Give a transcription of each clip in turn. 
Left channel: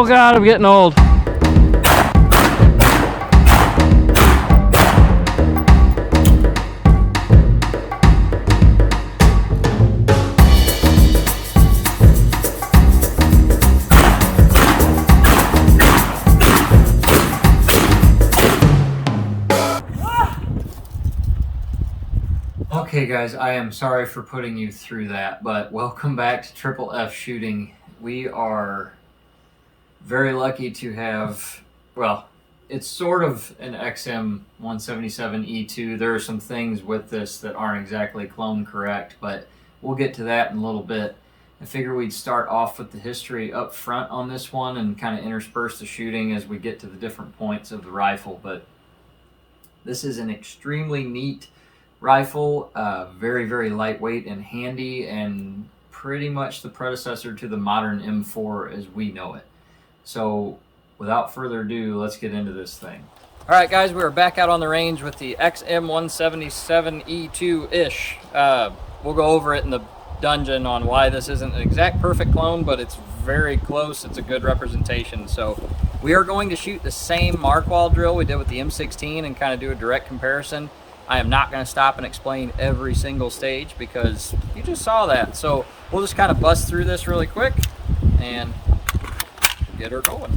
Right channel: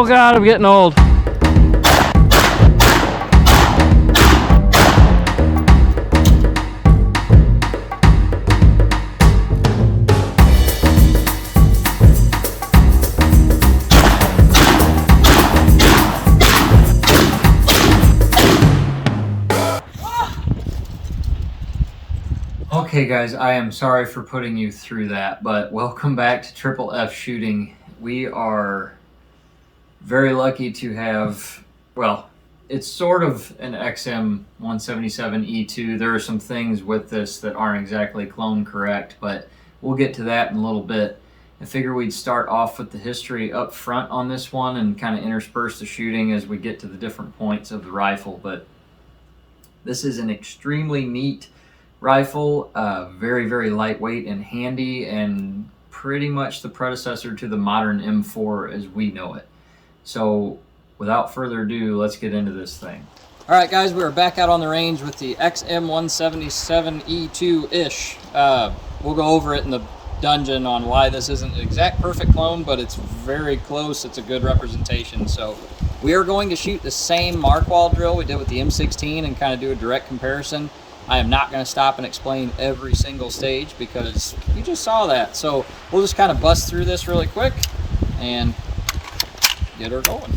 Oh God, I'm getting old. Okay guys, I am sorry for putting you through that, but welcome back to Triple F Shooting. We are very lucky to have, well, it's sort of an XM177E2. There are some things with this that aren't exactly clone correct, but we'll get to that in a little bit. I figure we'd start off with the history up front on this one and kind of intersperse the shooting as we get to the different points of the rifle. But this is an extremely neat rifle, very, very lightweight and handy, and pretty much the predecessor to the modern M4 as we know it. So without further ado, let's get into this thing. All right, guys, we are back out on the range with the XM177E2-ish. We'll go over it in the dungeon on why this isn't an exact perfect clone, but it's very close. It's a good representation. So we are going to shoot the same mark wall drill we did with the M16 and kind of do a direct comparison. I am not going to stop and explain every single stage because you just saw that. So we'll just kind of bust through this really quick and get her going.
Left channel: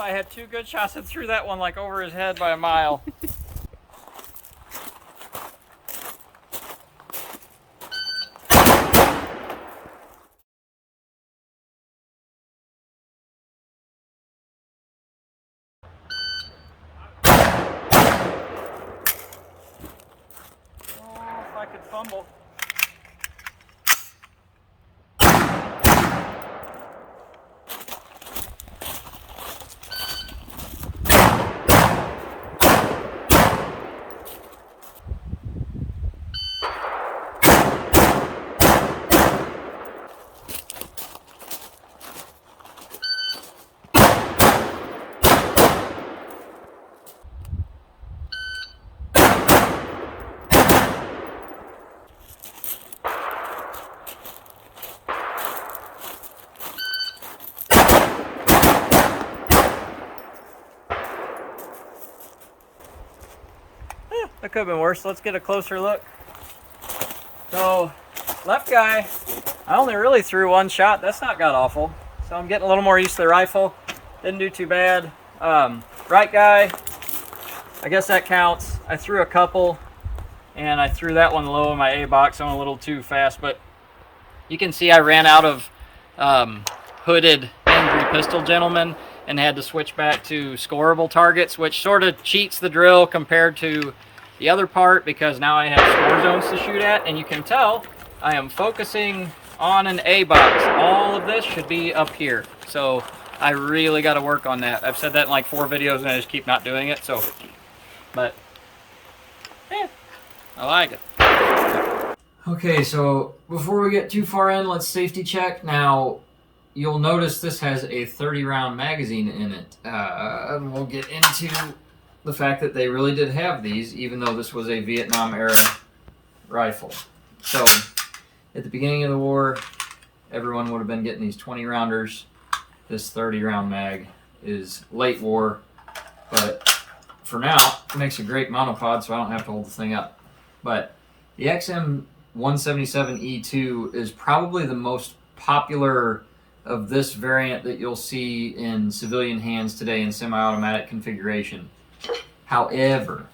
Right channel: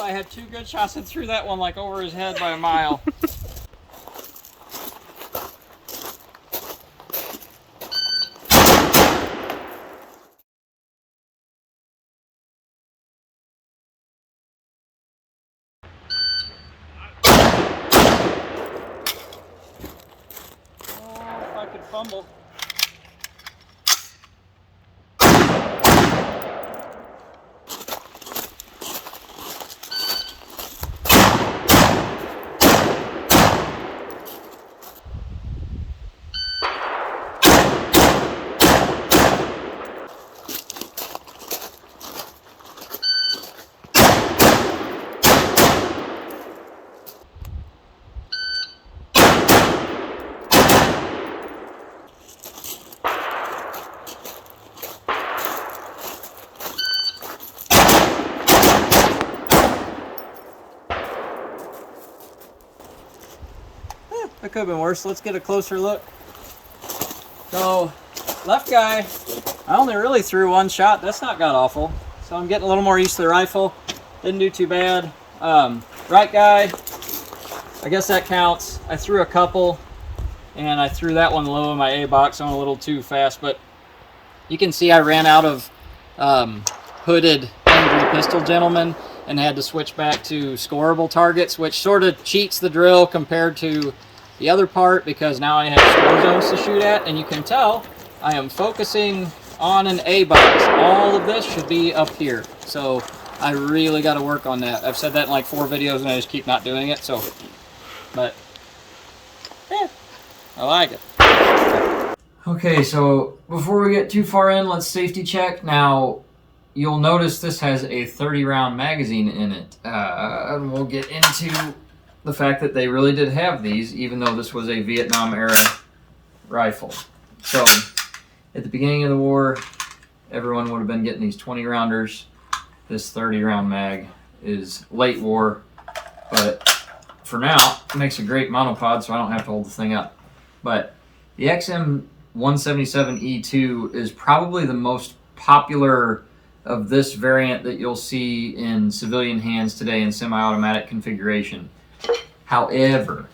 I had two good shots and threw that one like over his head by a mile. Oh, if I could fumble. That could have been worse. Let's get a closer look. So, left guy, I only really threw one shot. That's not god awful. So I'm getting a little more used to the rifle. Didn't do too bad. Right guy, I guess that counts. I threw a couple, and I threw that one low in my A box. I went a little too fast, but you can see I ran out of hooded angry pistol gentleman and had to switch back to scoreable targets, which sort of cheats the drill compared to the other part because now I have score zones to shoot at, and you can tell I am focusing on an A box. All of this should be up here. So I really got to work on that. I've said that in like 4 videos and I just keep not doing it. So, but yeah, I like it. Okay, so before we get too far in, let's safety check. Now, you'll notice this has a 30-round magazine in it. And we'll get into the fact that they really did have these, even though this was a Vietnam-era rifle. So, at the beginning of the war, everyone would have been getting these 20-rounders. This 30-round mag is late war, but for now, it makes a great monopod, so I don't have to hold the thing up. But the XM177E2 is probably the most popular of this variant that you'll see in civilian hands today in semi-automatic configuration. However,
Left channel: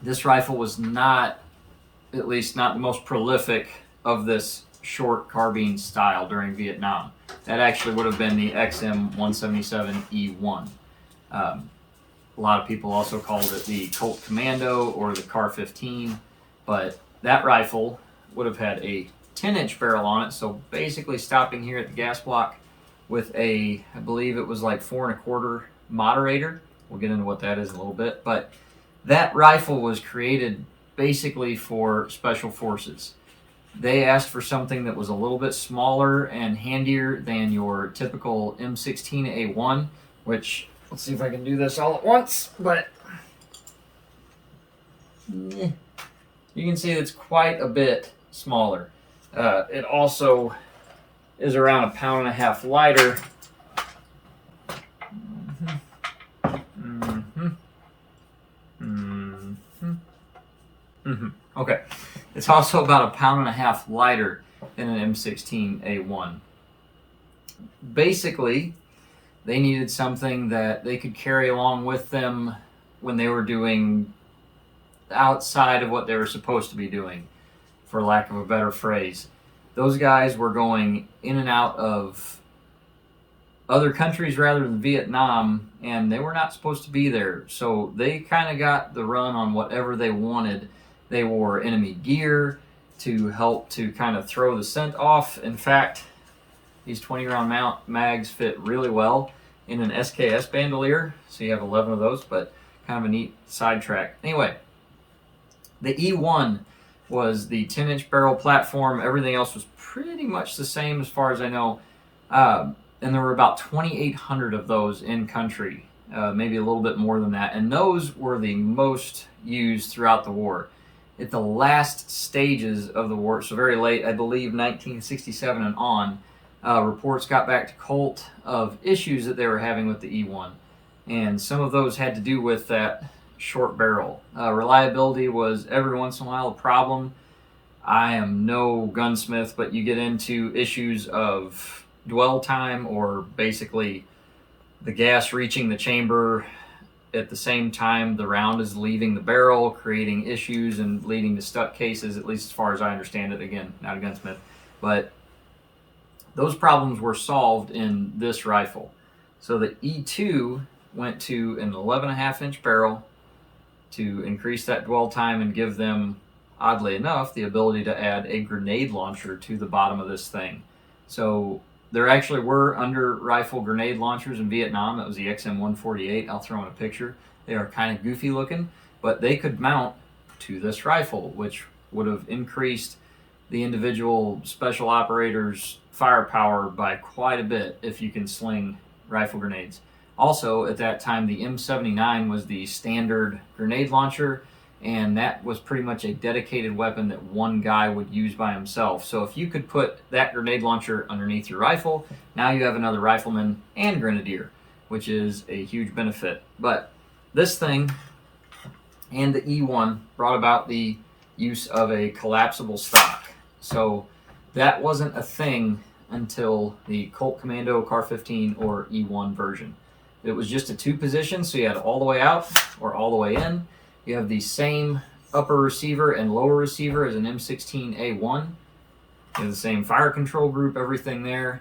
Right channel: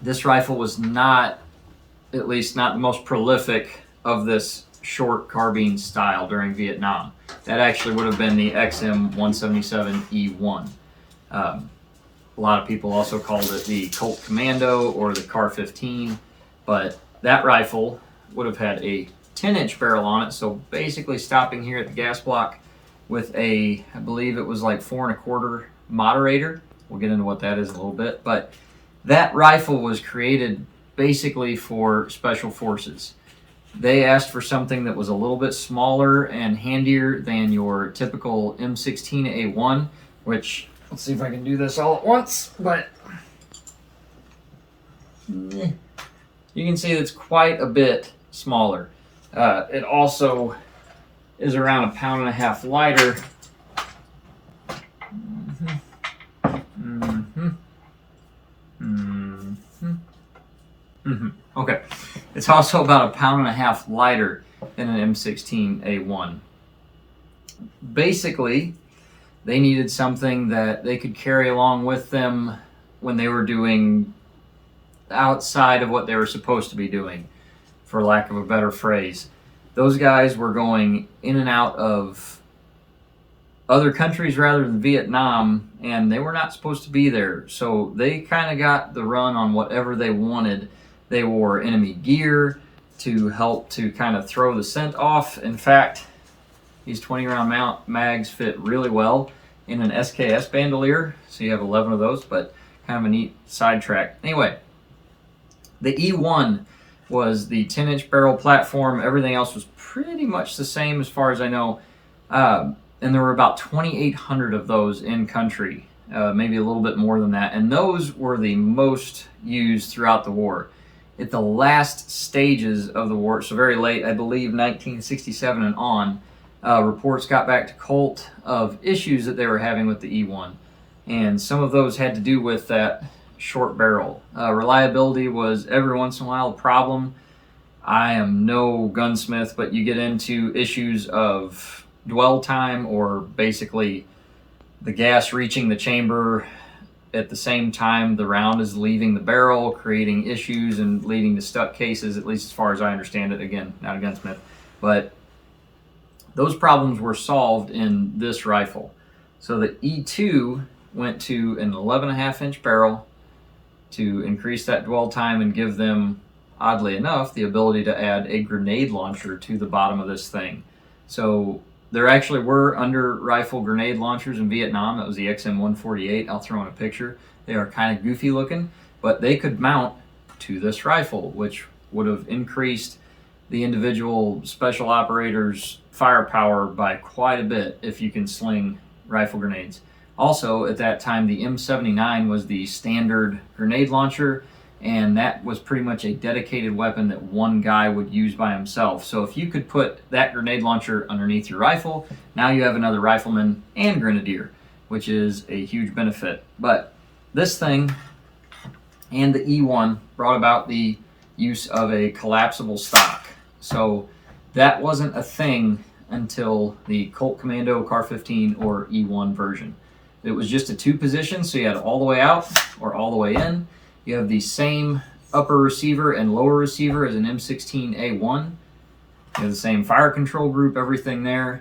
This rifle was not, at least not the most prolific of this short carbine style during Vietnam. That actually would have been the XM177E1. A lot of people also called it the Colt Commando or the Car 15, but that rifle would have had a 10-inch barrel on it, so basically stopping here at the gas block with a, I believe it was like 4 1/4 moderator. We'll get into what that is in a little bit, but that rifle was created basically for special forces. They asked for something that was a little bit smaller and handier than your typical M16A1, which, let's see if I can do this all at once, but you can see it's quite a bit smaller. It also is around 1.5 pounds lighter. Okay, it's also about 1.5 pounds lighter than an M16A1. Basically, they needed something that they could carry along with them when they were doing outside of what they were supposed to be doing, for lack of a better phrase. Those guys were going in and out of other countries rather than Vietnam, and they were not supposed to be there. So they kind of got the run on whatever they wanted. They wore enemy gear to help to kind of throw the scent off. In fact, these 20-round mags fit really well in an SKS bandolier. So you have 11 of those, but kind of a neat sidetrack. Anyway, the E1 was the 10-inch barrel platform. Everything else was pretty much the same as far as I know. And there were about 2,800 of those in country, maybe a little bit more than that. And those were the most used throughout the war. At the last stages of the war, so very late, I believe 1967 and on, reports got back to Colt of issues that they were having with the E1. And some of those had to do with that short barrel. Reliability was every once in a while a problem. I am no gunsmith, but you get into issues of dwell time, or basically the gas reaching the chamber at the same time the round is leaving the barrel, creating issues and leading to stuck cases, at least as far as I understand it. Again, not a gunsmith, but those problems were solved in this rifle. So the E2 went to an 11.5-inch barrel to increase that dwell time and give them, oddly enough, the ability to add a grenade launcher to the bottom of this thing. So there actually were under rifle grenade launchers in Vietnam. That was the XM148. I'll throw in a picture. They are kind of goofy looking, but they could mount to this rifle, which would have increased the individual special operators' firepower by quite a bit if you can sling rifle grenades. Also, at that time, the M79 was the standard grenade launcher, and that was pretty much a dedicated weapon that one guy would use by himself. So if you could put that grenade launcher underneath your rifle, now you have another rifleman and grenadier, which is a huge benefit. But this thing and the E1 brought about the use of a collapsible stock. So that wasn't a thing until the Colt Commando Car 15 or E1 version. It was just a 2-position, so you had all the way out or all the way in. You have the same upper receiver and lower receiver as an M16A1. You have the same fire control group, everything there.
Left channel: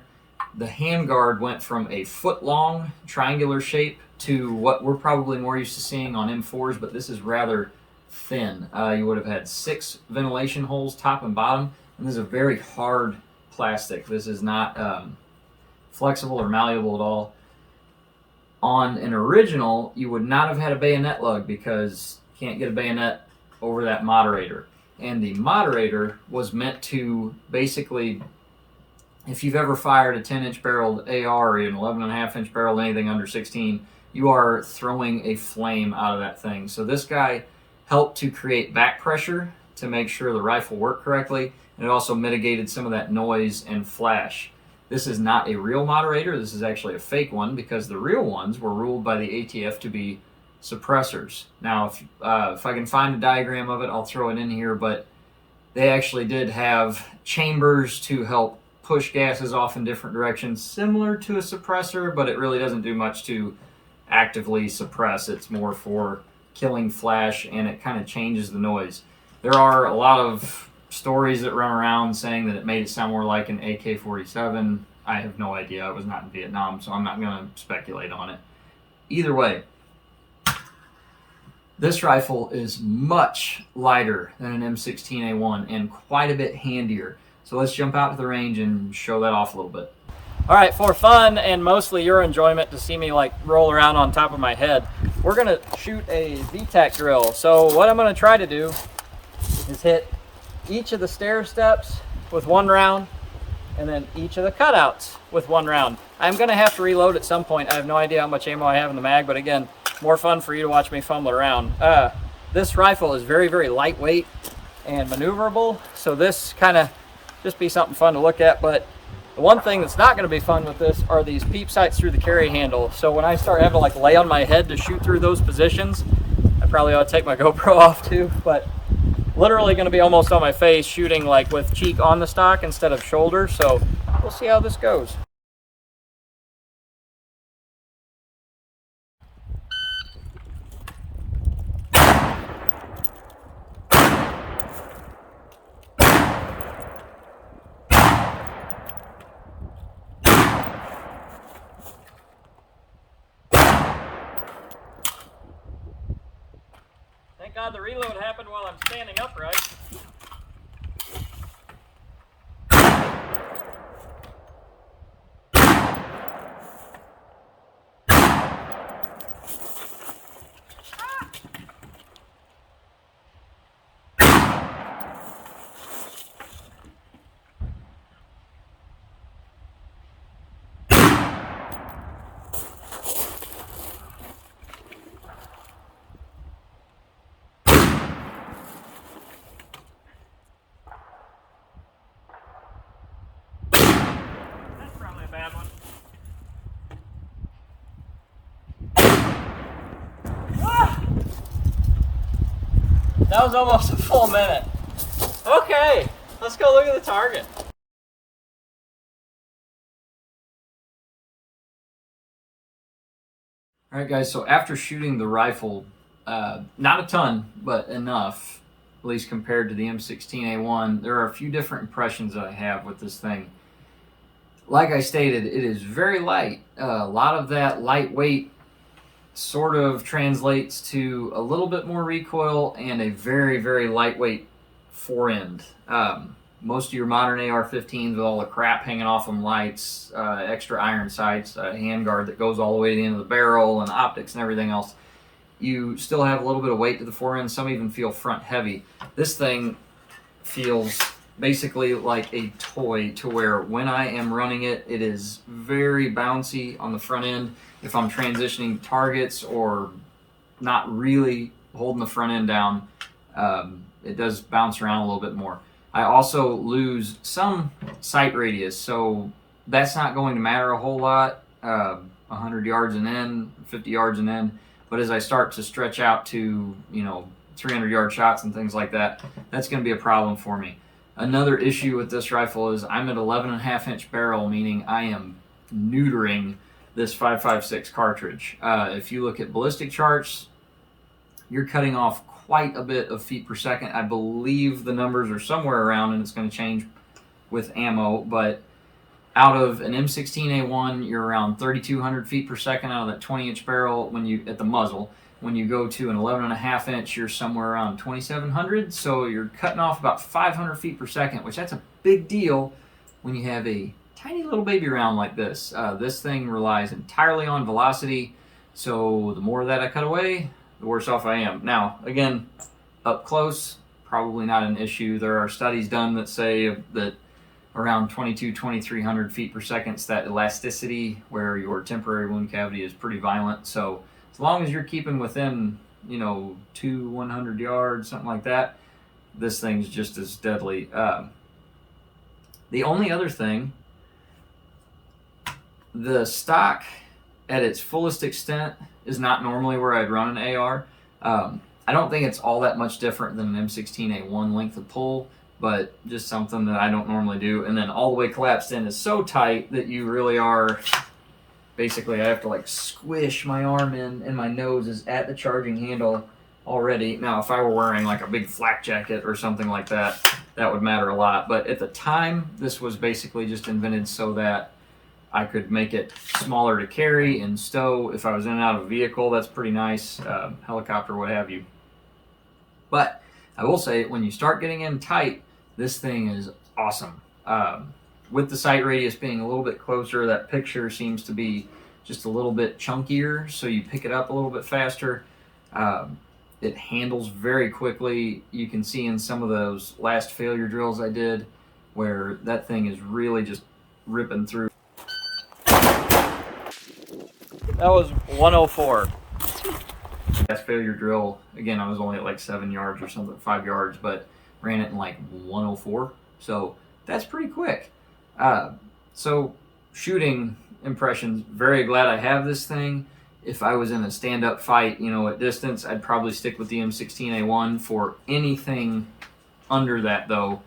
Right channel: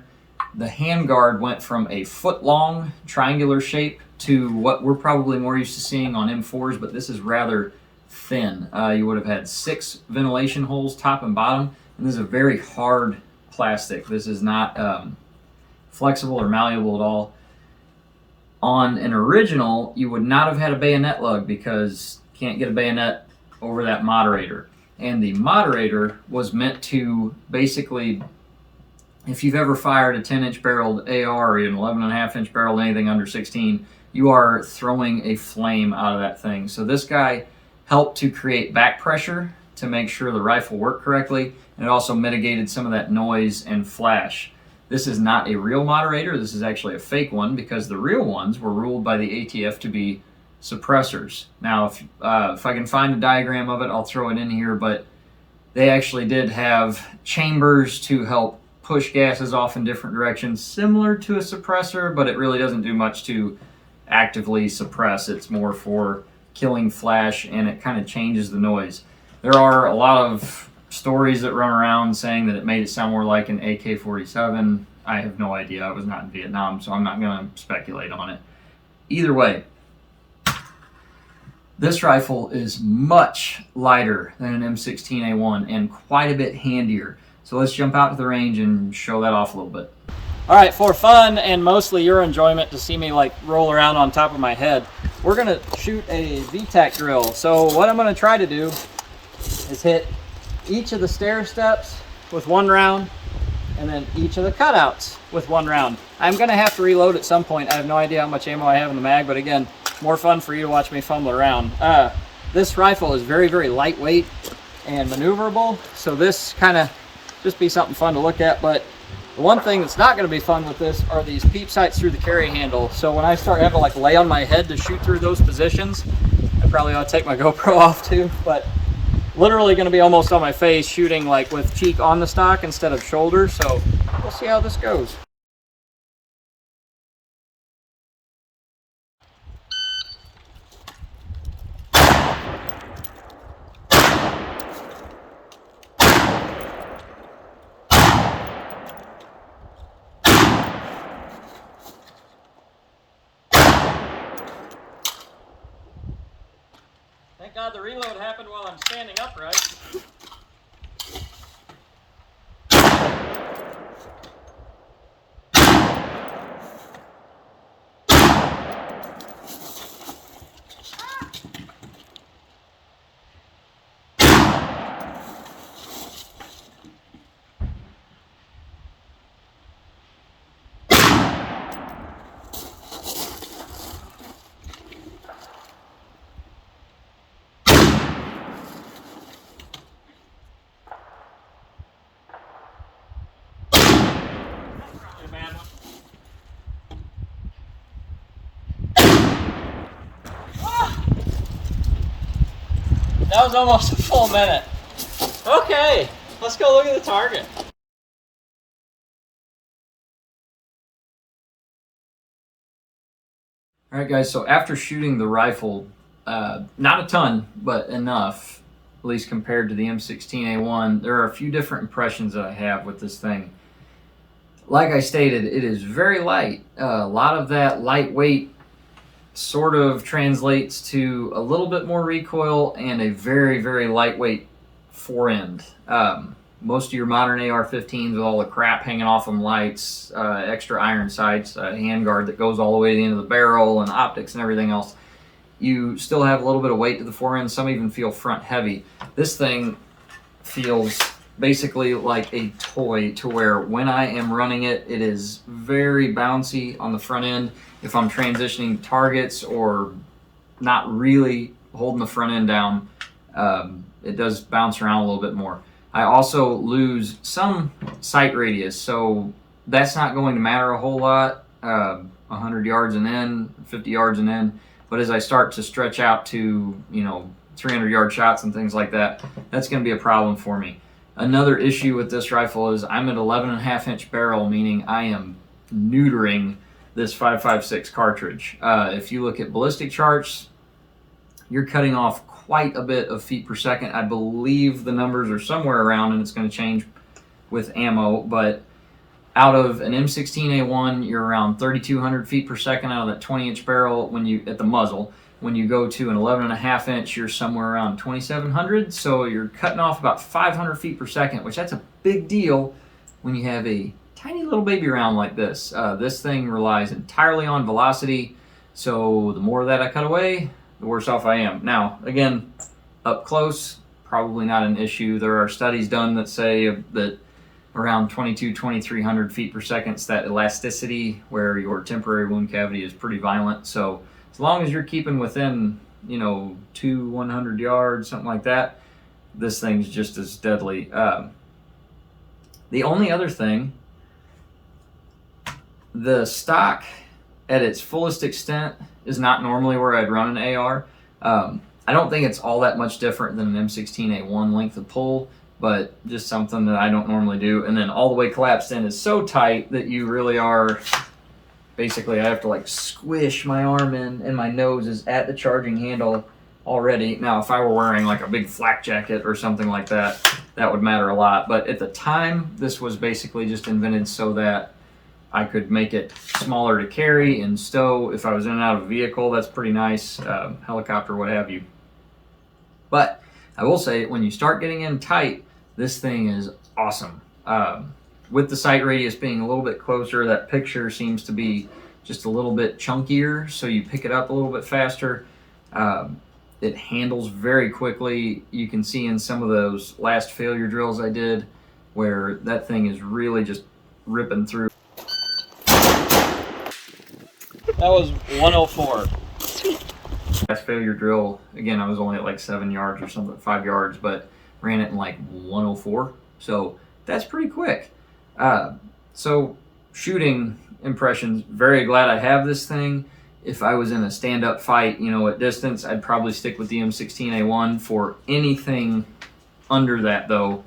The handguard went from a foot-long triangular shape to what we're probably more used to seeing on M4s, but this is rather thin. You would have had 6 ventilation holes, top and bottom, and this is a very hard plastic. This is not flexible or malleable at all. On an original, you would not have had a bayonet lug because you can't get a bayonet over that moderator. And the moderator was meant to basically, if you've ever fired a 10-inch barreled AR or an 11.5-inch barreled anything under 16, you are throwing a flame out of that thing. So this guy helped to create back pressure to make sure the rifle worked correctly, and it also mitigated some of that noise and flash. This is not a real moderator. This is actually a fake one because the real ones were ruled by the ATF to be suppressors. Now, if I can find a diagram of it, I'll throw it in here, but they actually did have chambers to help push gases off in different directions, similar to a suppressor, but it really doesn't do much to actively suppress. It's more for killing flash, and it kind of changes the noise. There are a lot of stories that run around saying that it made it sound more like an AK-47. I have no idea. I was not in Vietnam, so I'm not going to speculate on it. Either way, this rifle is much lighter than an M16A1 and quite a bit handier. So let's jump out to the range and show that off a little bit. All right, for fun and mostly your enjoyment to see me like roll around on top of my head, we're gonna shoot a VTEC drill. So what I'm gonna try to do is hit each of the stair steps with one round and then each of the cutouts with one round. I'm gonna have to reload at some point. I have no idea how much ammo I have in the mag, but again, more fun for you to watch me fumble around. This rifle is very, very lightweight and maneuverable, so this kind of just be something fun to look at. But the one thing that's not going to be fun with this are these peep sights through the carry handle. So when I start having to like lay on my head to shoot through those positions, I probably ought to take my GoPro off too, but literally going to be almost on my face shooting like with cheek on the stock instead of shoulder. So we'll see how this goes. Thank God the reload happened while I'm standing upright. A bad one. Ah! That was almost a full minute. Okay, let's go look at the target. All right, guys, so after shooting the rifle, not a ton, but enough, at least compared to the M16A1, there are a few different impressions that I have with this thing. Like I stated, it is very light. A lot of that lightweight sort of translates to a little bit more recoil and a very, very lightweight forend. Most of your modern AR-15s with all the crap hanging off them, lights, extra iron sights, handguard that goes all the way to the end of the barrel, and optics and everything else, you still have a little bit of weight to the forend. Some even feel front heavy. This thing feels basically like a toy, to where when I am running it, it is very bouncy on the front end. If I'm transitioning targets or not really holding the front end down, it does bounce around a little bit more. I also lose some sight radius, so that's not going to matter a whole lot, 100 yards and in, 50 yards and in. But as I start to stretch out to, 300-yard shots and things like that, that's going to be a problem for me. Another issue with this rifle is I'm at 11.5-inch barrel, meaning I am neutering this 5.56 cartridge. If you look at ballistic charts, you're cutting off quite a bit of feet per second. I believe the numbers are somewhere around, and it's going to change with ammo, but out of an M16A1, you're around 3,200 feet per second out of that 20-inch barrel at the muzzle. When you go to an 11.5-inch, you're somewhere around 2,700. So you're cutting off about 500 feet per second, which that's a big deal when you have a tiny little baby round like this. This thing relies entirely on velocity. So the more that I cut away, the worse off I am. Now, again, up close, probably not an issue. There are studies done that say that around 2,300 feet per second, it's that elasticity where your temporary wound cavity is pretty violent. So as long as you're keeping within, 100 yards, something like that, this thing's just as deadly. The only other thing, the stock at its fullest extent is not normally where I'd run an AR. I don't think it's all that much different than an M16A1 length of pull, but just something that I don't normally do. And then all the way collapsed in is so tight that you really are, basically I have to like squish my arm in, and my nose is at the charging handle already. Now, if I were wearing like a big flak jacket or something like that, that would matter a lot. But at the time, this was basically just invented so that I could make it smaller to carry and stow. If I was in and out of a vehicle, that's pretty nice, helicopter, what have you. But I will say, when you start getting in tight, this thing is awesome. With the sight radius being a little bit closer, that picture seems to be just a little bit chunkier, so you pick it up a little bit faster. It handles very quickly. You can see in some of those last failure drills I did where that thing is really just ripping through. That was 104. Last failure drill, again, I was only at like 7 yards or something, 5 yards, but ran it in like 104. So that's pretty quick. So shooting impressions, very glad I have this thing. If I was in a stand-up fight, you know, at distance, I'd probably stick with the M16A1. For anything under that, though,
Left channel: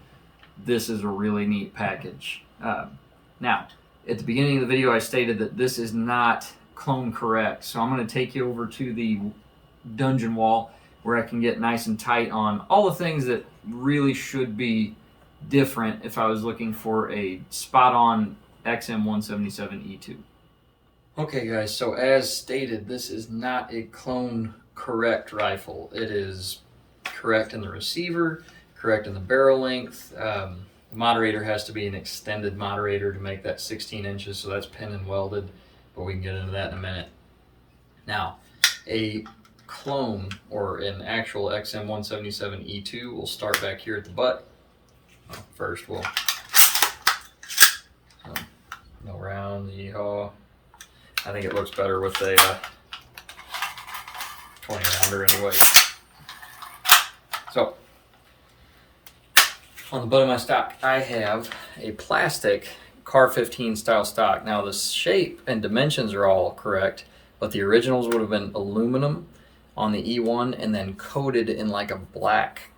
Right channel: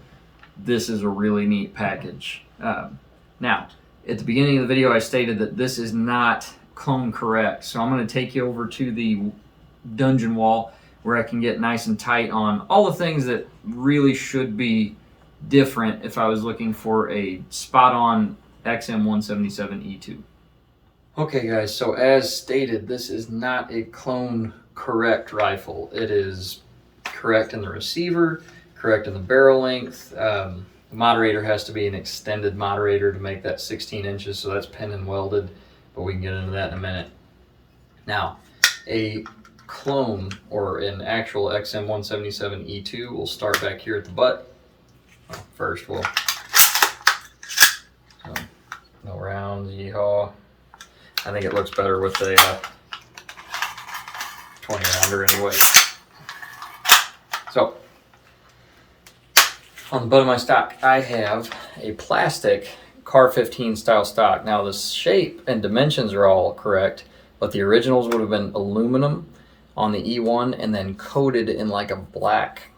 this is a really neat package. Now, at the beginning of the video, I stated that this is not clone correct, so I'm going to take you over to the dungeon wall where I can get nice and tight on all the things that really should be different if I was looking for a spot-on XM177E2. Okay guys, so as stated, this is not a clone correct rifle. It is correct in the receiver, correct in the barrel length. The moderator has to be an extended moderator to make that 16 inches, so that's pin and welded, but we can get into that in a minute. Now, a clone or an actual XM177E2 will start back here at the butt. Well, first we'll, no rounds, yeehaw. I think it looks better with a 20 rounder anyway. So, on the butt of my stock, I have a plastic Car 15 style stock. Now the shape and dimensions are all correct, but the originals would have been aluminum on the E1 and then coated in like a black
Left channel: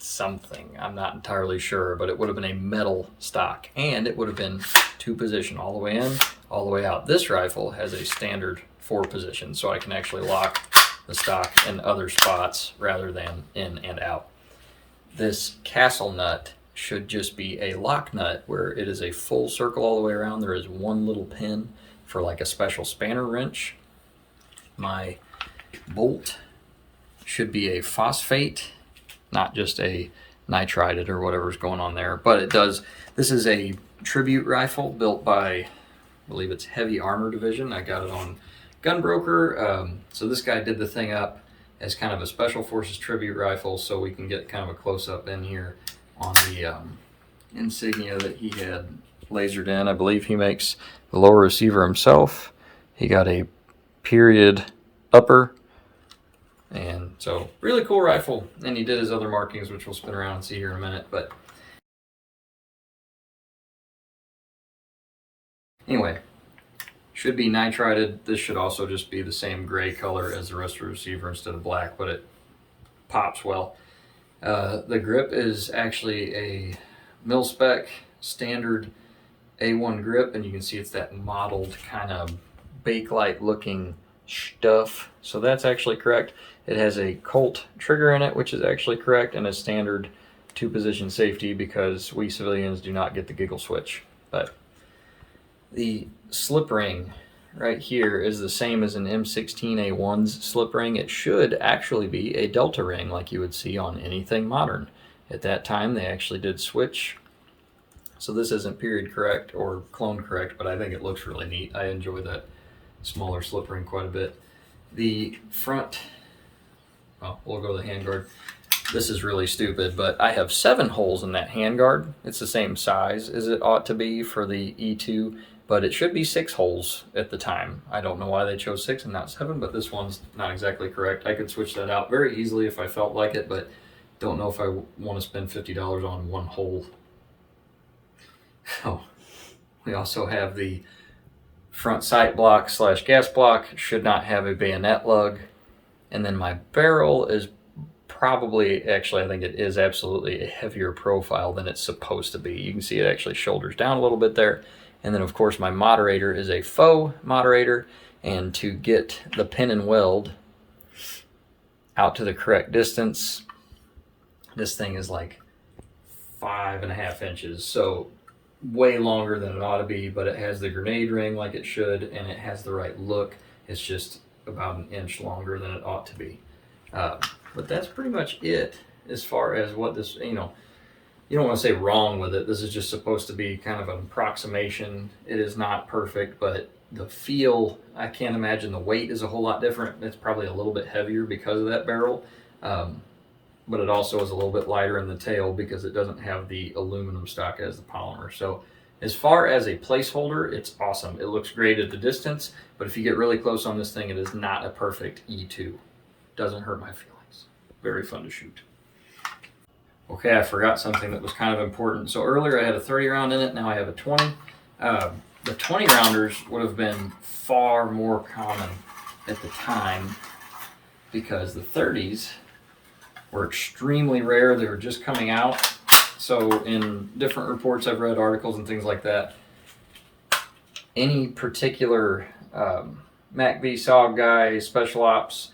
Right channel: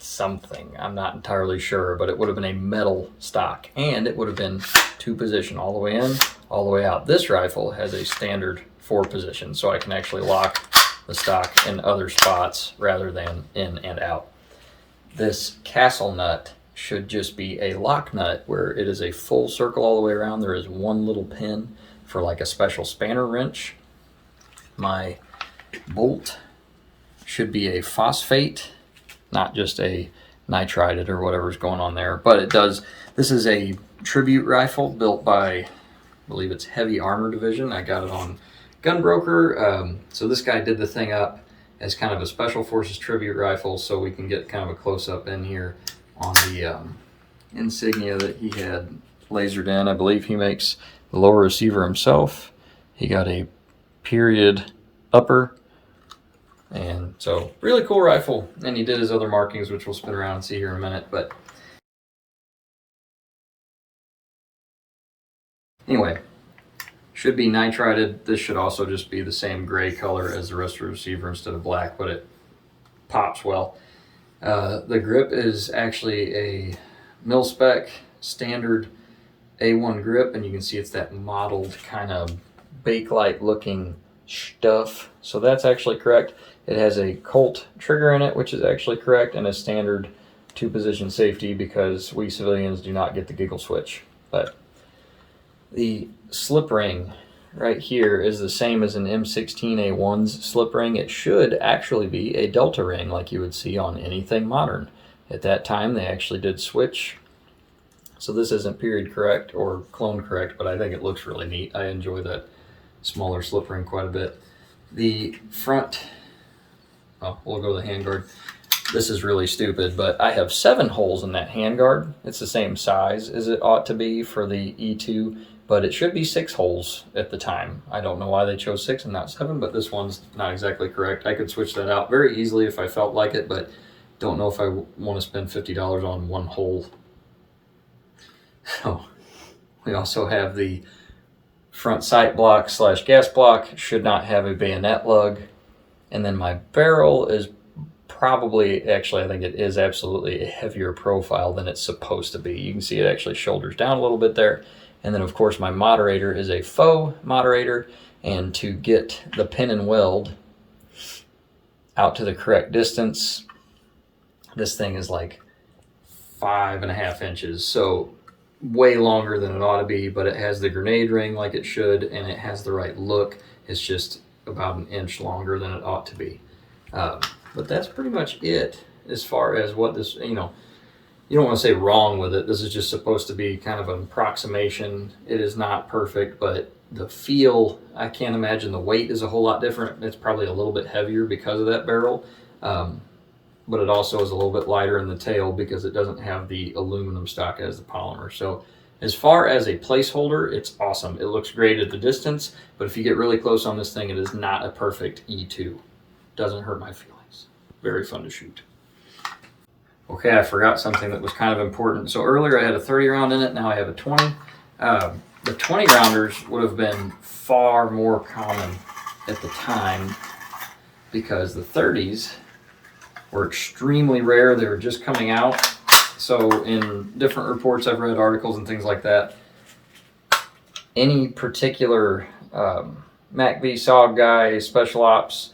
something. I'm not entirely sure, but it would have been a metal stock, and it would have been 2-position all the way in, all the way out. This rifle has a standard 4-position, so I can actually lock the stock in other spots rather than in and out. This castle nut should just be a lock nut where it is a full circle all the way around. There is one little pin for like a special spanner wrench. My bolt should be a phosphate, not just a nitrided or whatever's going on there, but it does. This is a tribute rifle built by, I believe it's Heavy Armor Division. I got it on Gunbroker. So this guy did the thing up as kind of a Special Forces tribute rifle, so we can get kind of a close-up in here on the insignia that he had lasered in. I believe he makes the lower receiver himself. He got a period upper, and so really cool rifle. And he did his other markings, which we'll spin around and see here in a minute. But anyway, should be nitrided. This should also just be the same gray color as the rest of the receiver instead of black, but it pops well. The grip is actually a mil-spec standard A1 grip, and you can see it's that mottled kind of Bakelite looking stuff. So that's actually correct. It has a Colt trigger in it, which is actually correct, and a standard 2-position safety because we civilians do not get the giggle switch. But the slip ring right here is the same as an M16A1's slip ring. It should actually be a delta ring like you would see on anything modern. At that time, they actually did switch. So this isn't period correct or clone correct, but I think it looks really neat. I enjoy that smaller slip ring quite a bit. The front, well, we'll go to the handguard. This is really stupid, but I have 7 holes in that handguard. It's the same size as it ought to be for the E2, but it should be 6 holes at the time. I don't know why they chose 6 and not 7, but this one's not exactly correct. I could switch that out very easily if I felt like it, but don't know if I want to spend $50 on 1 hole. So we also have the front sight block / gas block. Should not have a bayonet lug. And then my barrel is probably, actually I think it is absolutely a heavier profile than it's supposed to be. You can see it actually shoulders down a little bit there. And then of course my moderator is a faux moderator, and to get the pin and weld out to the correct distance. This thing is like 5.5 inches, so way longer than it ought to be, but it has the grenade ring like it should, and it has the right look. It's just about 1 inch longer than it ought to be. But that's pretty much it as far as what this, you know, you don't want to say wrong with it. This is just supposed to be kind of an approximation. It is not perfect, but the feel, I can't imagine the weight is a whole lot different. It's probably a little bit heavier because of that barrel. But it also is a little bit lighter in the tail because it doesn't have the aluminum stock as the polymer. So as far as a placeholder, it's awesome. It looks great at the distance, but if you get really close on this thing, it is not a perfect E2. Doesn't hurt my feelings. Very fun to shoot. Okay, I forgot something that was kind of important. So earlier I had a 30 round in it, now I have a 20. The 20 rounders would have been far more common at the time because the 30s were extremely rare. They were just coming out. So in different reports I've read, articles and things like that, any particular MACVSOG guy, special ops,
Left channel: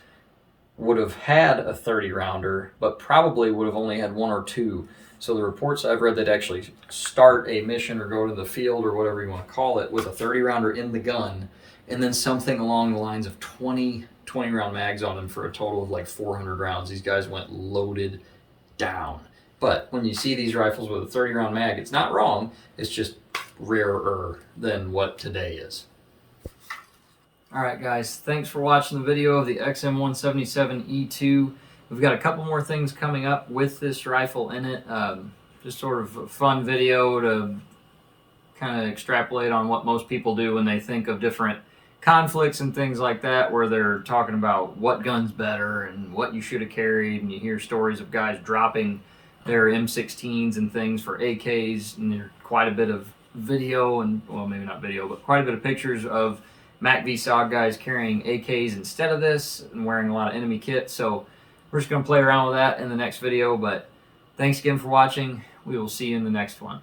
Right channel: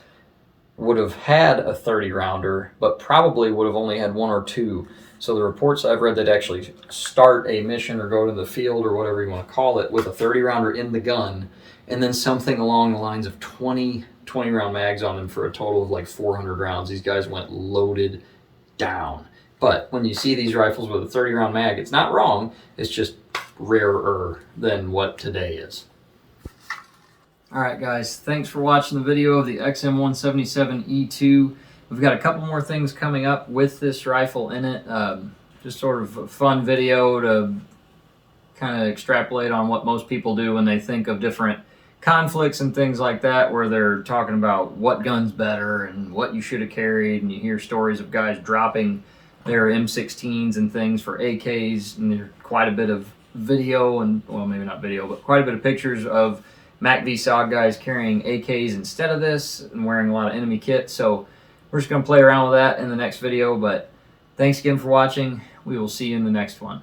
would have had a 30 rounder, but probably would have only had 1 or 2. So the reports I've read that actually start a mission or go to the field or whatever you want to call it with a 30 rounder in the gun, and then something along the lines of 20 round mags on them for a total of like 400 rounds. These guys went loaded down. But when you see these rifles with a 30 round mag, it's not wrong. It's just rarer than what today is. All right, guys, thanks for watching the video of the XM177E2. We've got a couple more things coming up with this rifle in it. Just sort of a fun video to kind of extrapolate on what most people do when they think of different conflicts and things like that, where they're talking about what gun's better and what you should have carried, and you hear stories of guys dropping their M16s and things for AKs, and there's quite a bit of video, and well, maybe not video, but quite a bit of pictures of MACVSOG guys carrying AKs instead of this and wearing a lot of enemy kit. So we're just going to play around with that in the next video, but thanks again for watching. We will see you in the next one.